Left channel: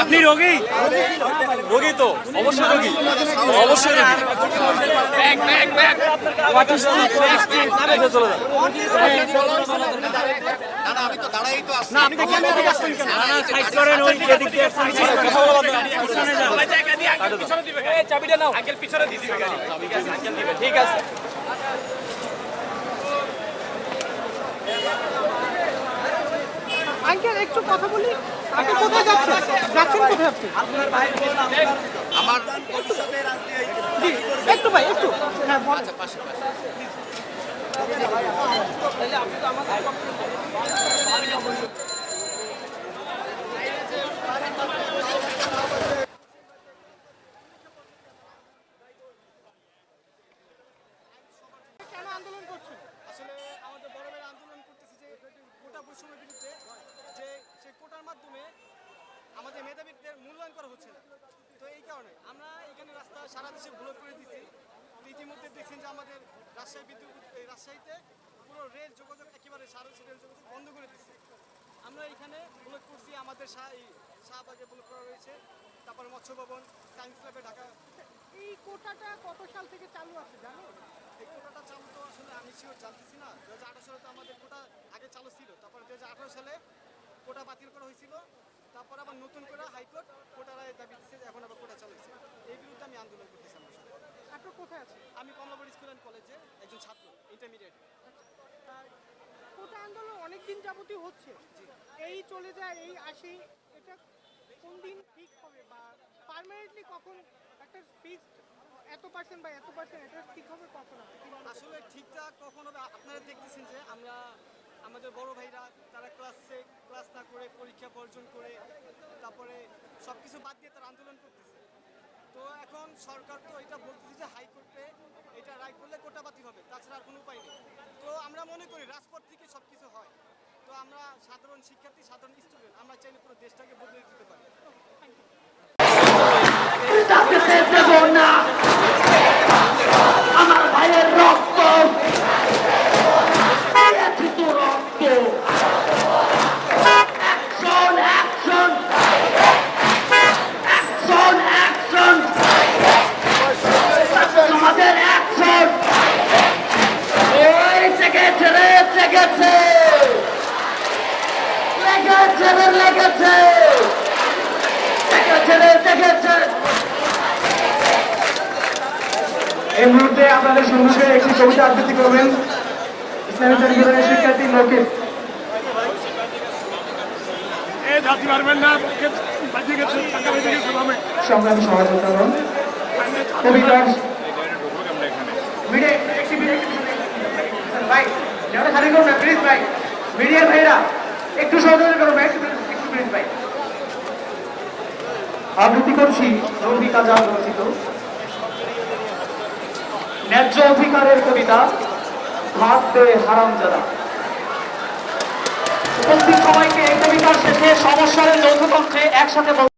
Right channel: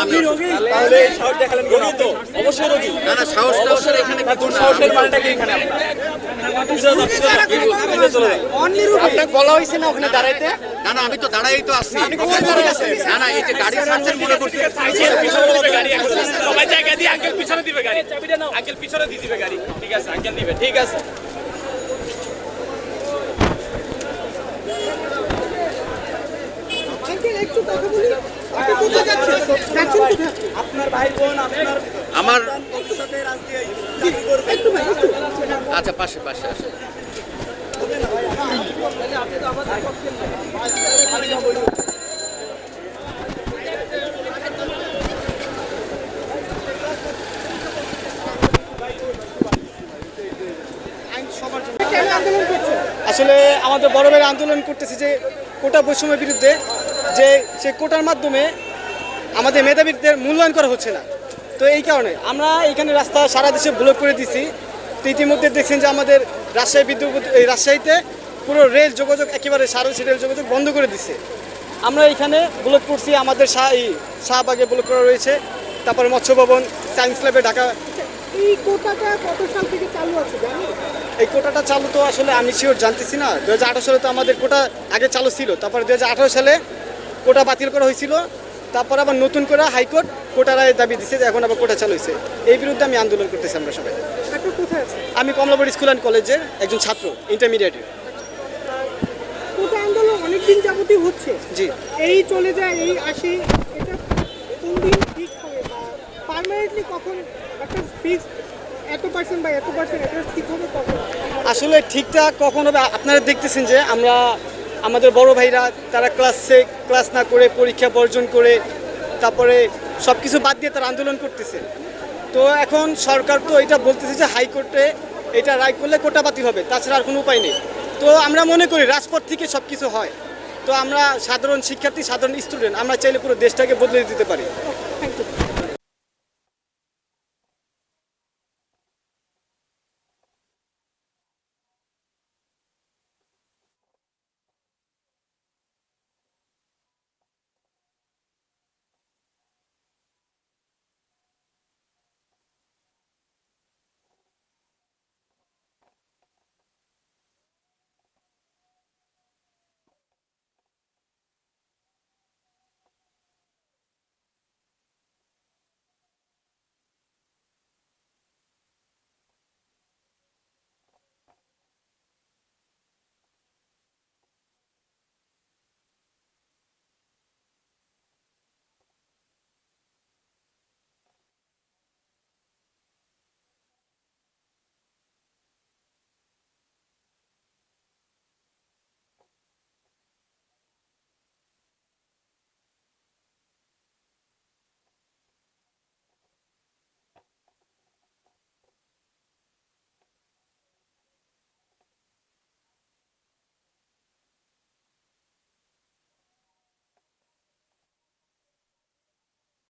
আপনি রোগী রোগী তো অবশ্যই রোগী অবশ্যই রোগী চলে যান আপনার বলা হয়েছে না ওখানে দাঁড়াইতে না না আমি তো দাঁড়াই তো আসছি না না এই যে গাড়ি ছাড়ছেন মনে করছি কথা বলা যাবে না। সবাই জায়গা দিয়ে আঙ্কেল পিছনে দিবে গাড়ি চাবিটা নাও আঙ্কেল পিছনে দিয়ে দিবে গাড়ি। ঠিক আছে আঙ্কেল দিবে ঠিক আছে। একটু কথা বলি। আপনি কোথায় যাচ্ছেন? যাচ্ছেন কোথায় আপনি? আমার একটু ভাই একটু। আচ্ছা পাশে পাশে পাশে। কেন আন্দোলন করছেন আসলে আমাদের বড় ভাইয়ের আন্দোলন করতেছে যে কোটা বৈষম্যের বিরুদ্ধে, যে, সে কোটার মাধ্যমে আমাদের মেধাবীদের মূল্যায়ন করা হচ্ছে না। তো এই কারণে আমরা এইখানে রাস্তা সারা দেশে ব্লক করে দিছি। তো ইতিমধ্যে দেখছেন যে আমাদের রাজশাহী বিদ্যুৎ এই রাজশাহীতে পুরো রেল যোগাযোগ একেবারে সারাংশী রেল যোগাযোগ বন্ধ করে দিছে। আমরা এখানে ব্লক করছি, আমাদের শাহ এই শাহবাগে ব্লক করা রয়েছে। তারপরে মৎস্য ভবন সায়েন্স ল্যাবে ঢাকা এই কোটাটা কত সাল থেকে চালু আছে এই কোটাটা চালু তো আসলে আমি শিওর জানতেছি না। দু হাজার আঠারো সালে তো আমাদের কোটা আগে চালু ছিল। তারপরে দুহাজার আঠেরো সালে কোটা বাতিল করা হয়েছিল। তারপর আবার নতুন করে হাইকোর্ট কোটা দাবি দিছে যে এখন আবার কোটা চালু হয়েছে। এই বিরুদ্ধে আমি আন্দোলন করতেছি আমরা সবাই। আমি কমলাবাড়ি স্কুল অ্যান্ড কলেজের একজন ছাত্র ইন্টারমিডিয়েটের কোটা আন্দোলন অনেক দিন যাবতই হচ্ছে। জি। এই চলে যায় এই আসে এটা কোন দিন ঠিক পার্মানেন্টলি কখন একটা ফিক্সড এত পার্সেন্ট বা এত পার্সেন্ট এটা ঠিক হবে কখন? আসলে ঠিকঠাক কখন হবে? আপনারা দেখতেছেন যে আমরা আমাদের বড় ভাইরা তারা ক্লাসে ক্লাস না করে পরীক্ষা বর্জন করে তারপরে সব কিছু বাদ দিয়ে তারা আন্দোলন করতেছে। তো এখন সরকার তো এটা বলতেছে যে হাইকোর্টে এটা রায় করলে কোটা বাতিল হবে তাছাড়া আর কোনো উপায় নেই। তো আমরা মনে করি রাজপথ থেকে সব কিছু হয়। তো আমরা সাধারণ শিক্ষার্থী সাধারণ স্টুডেন্ট আমরা চাইলে পুরো দেশটাকে বদলে দিতে পারি। থ্যাংক ইউ আমার ভাইয়ের রক্ত। রক্ত। Action action. Action action. আমাদের অ্যাকশন। জেগেছে রে জেগেছে লেগেছে রে, লেগেছে। জেগেছে রে জেগেছে এই মুহূর্তে আপনাদের সম্মুখে একটি কবিতা আবৃত্তি করবেন। ইসলামী শিক্ষার্থী সংগ্রামী সহযোগিতা মিডিয়া একটি মিডিয়া ভাই যারা খালি করুন প্লিজ ভাই মিডিয়ার ভাইরা একটু সহযোগিতা ভাই একটু একটু প্লিজ ভাই। আবৃত্তি করছি রবি কাজা রচিত। ন্যায্য অধিকারের কবিতা ভাত দে হারাম যারা উপস্থিত সবাইকে এই কবিতার শেষে সমস্যার যৌথ কণ্ঠে একসাথে